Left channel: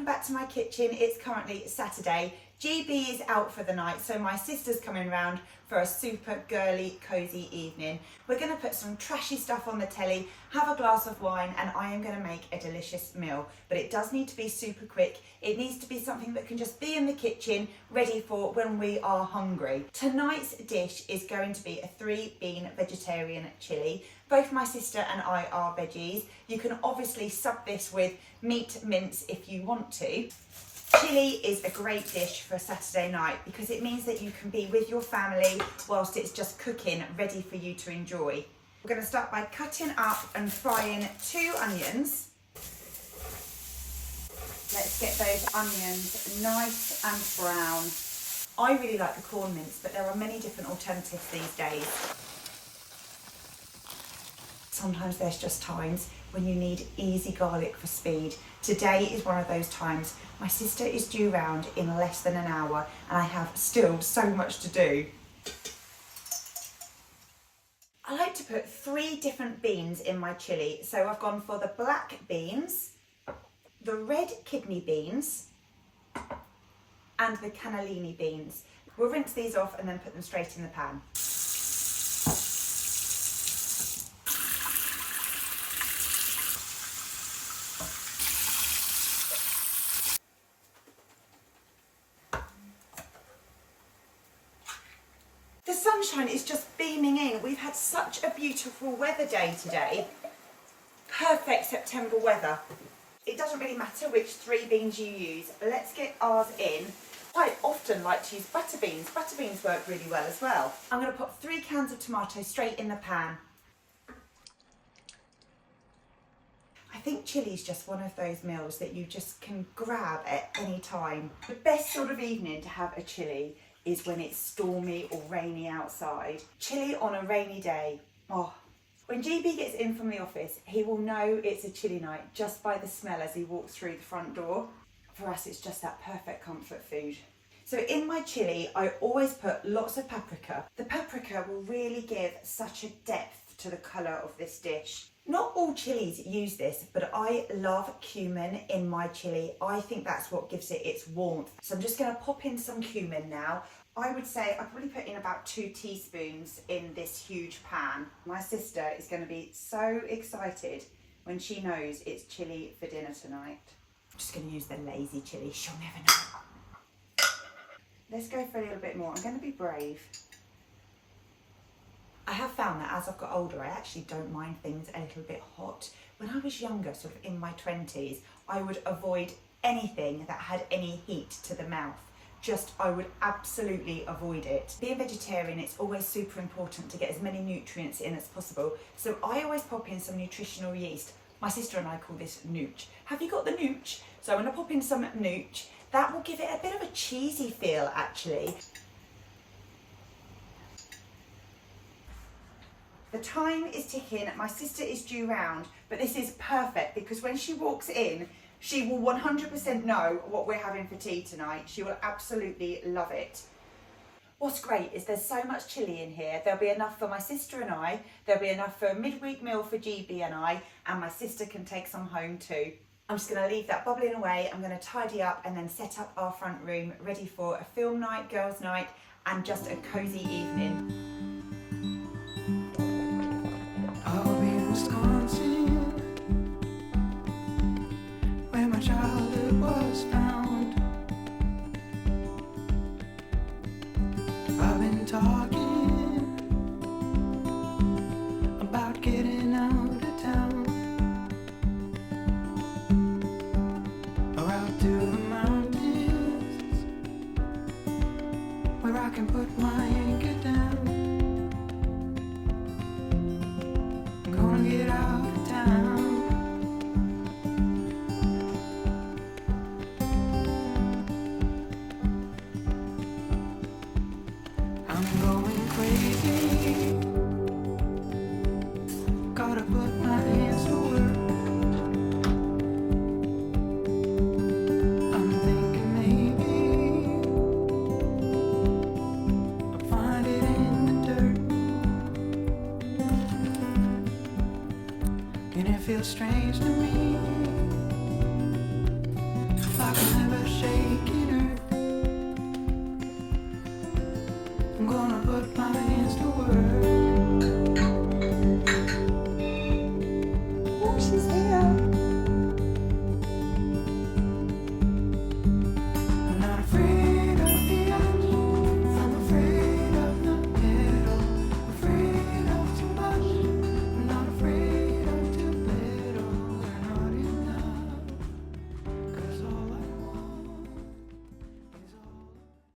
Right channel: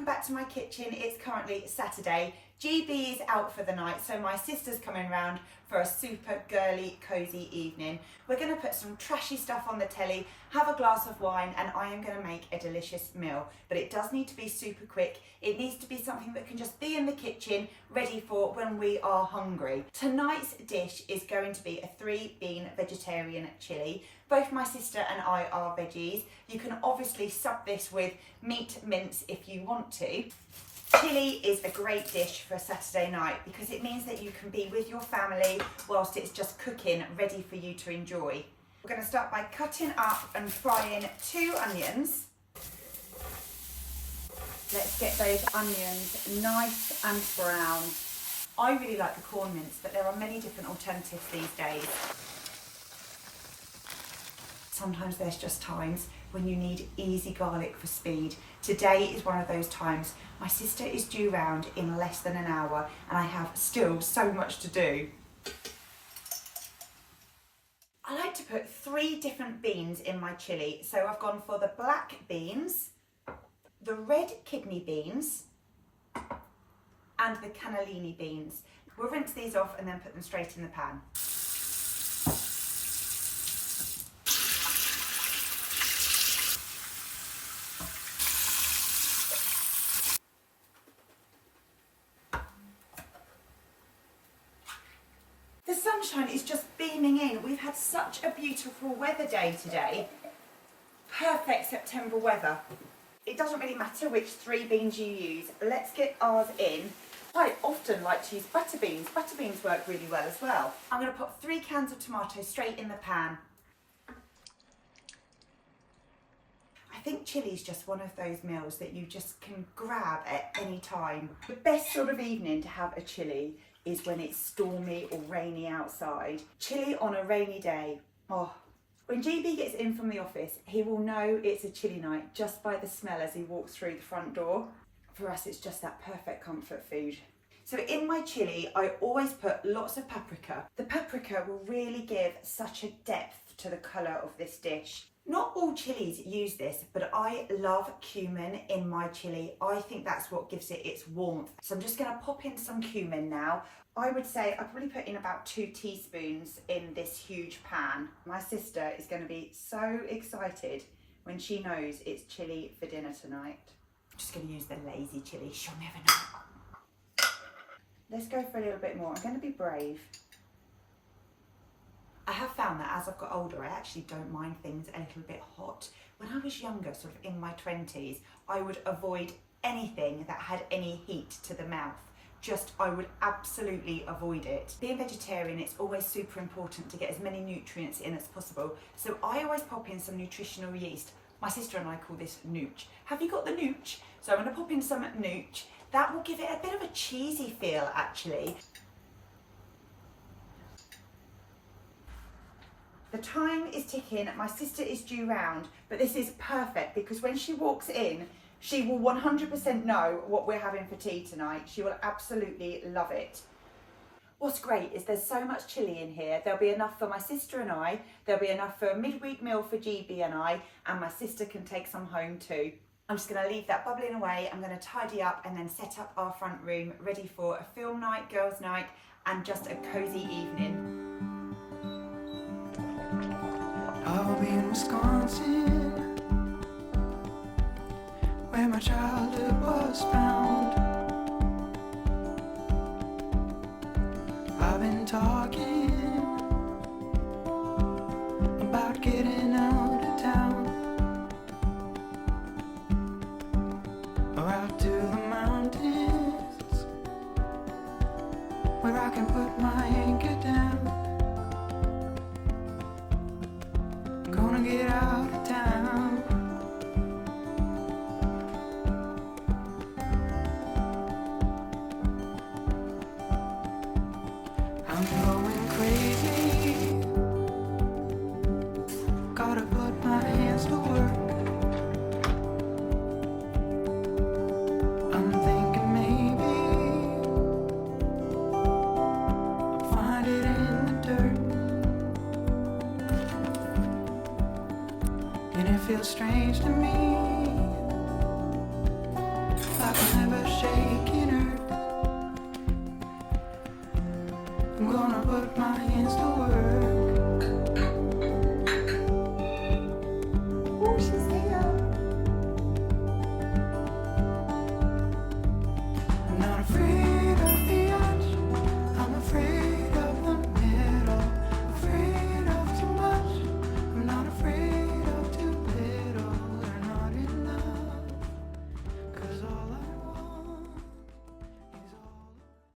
welcome back to my kitchen. It's currently Saturday. GB is out for the night, so my sister's coming round for a super girly, cosy evening. We're going to put some trashy stuff on the telly, have a glass of wine, and I am going to make a delicious meal. But it does need to be super quick. It needs to be something that can just be in the kitchen, ready for when we are hungry. Tonight's dish is going to be a 3-bean vegetarian chili. Both my sister and I are veggies. You can obviously sub this with meat mince if you want to. Chili is a great dish for a Saturday night because it means that you can be with your family whilst it's just cooking, ready for you to enjoy. We're going to start by cutting up and frying 2 onions. Let's get those onions nice and brown. I really like the corn mince, but there are many different alternatives these days. Sometimes there's just times when you need easy garlic for speed. Today is one of those times. My sister is due round in less than an hour and I have still so much to do. I like to put 3 different beans in my chilli. So I've gone for the black beans, the red kidney beans and the cannellini beans. We'll rinse these off and then put them straight in the pan. The sunshine is just beaming in. We've had such a beautiful weather day today. Perfect September weather. It doesn't really matter which 3 beans you use. Let's get ours in. I often like to use butter beans. Butter beans work really well as well. I'm going to put 3 cans of tomato straight in the pan. I think chilli is just one of those meals that you just can grab at any time. The best sort of evening to have a chilli is when it's stormy or rainy outside. Chilli on a rainy day. Oh. When GB gets in from the office, he will know it's a chilli night just by the smell as he walks through the front door. For us, it's just that perfect comfort food. So in my chilli, I always put lots of paprika. The paprika will really give such a depth to the colour of this dish. Not all chilies use this, but I love cumin in my chilli. I think that's what gives it its warmth. So I'm just going to pop in some cumin now. I would say I probably put in about 2 teaspoons in this huge pan. My sister is going to be so excited when she knows it's chilli for dinner tonight. I'm just going to use the lazy chilli. She'll never know. Let's go for a little bit more. I'm going to be brave. I have found that as I've got older, I actually don't mind things a little bit hot. When I was younger, sort of in my 20s, I would avoid anything that had any heat to the mouth. I would absolutely avoid it. Being vegetarian, it's always super important to get as many nutrients in as possible. So I always pop in some nutritional yeast. My sister and I call this nooch. Have you got the nooch? So I'm going to pop in some nooch. That will give it a bit of a cheesy feel, actually. The time is ticking, my sister is due round, but this is perfect because when she walks in, she will 100% know what we're having for tea tonight. She will absolutely love it. What's great is there's so much chilli in here. There'll be enough for my sister and I, there'll be enough for a midweek meal for GB and I, and my sister can take some home too. I'm just going to leave that bubbling away. I'm going to tidy up and then set up our front room ready for a film night, girls' night, and just a cosy evening. I'll be in Wisconsin, where my childhood was found. I've been talking about getting out of town, or out to the mountains, where I can put my anchor down. Gonna get out of town. I'm going crazy. Gotta put my hands to work. I'm thinking maybe I'll find it in the dirt. And it feels strange to me like I'm never shaking earth. I'm gonna put my hands to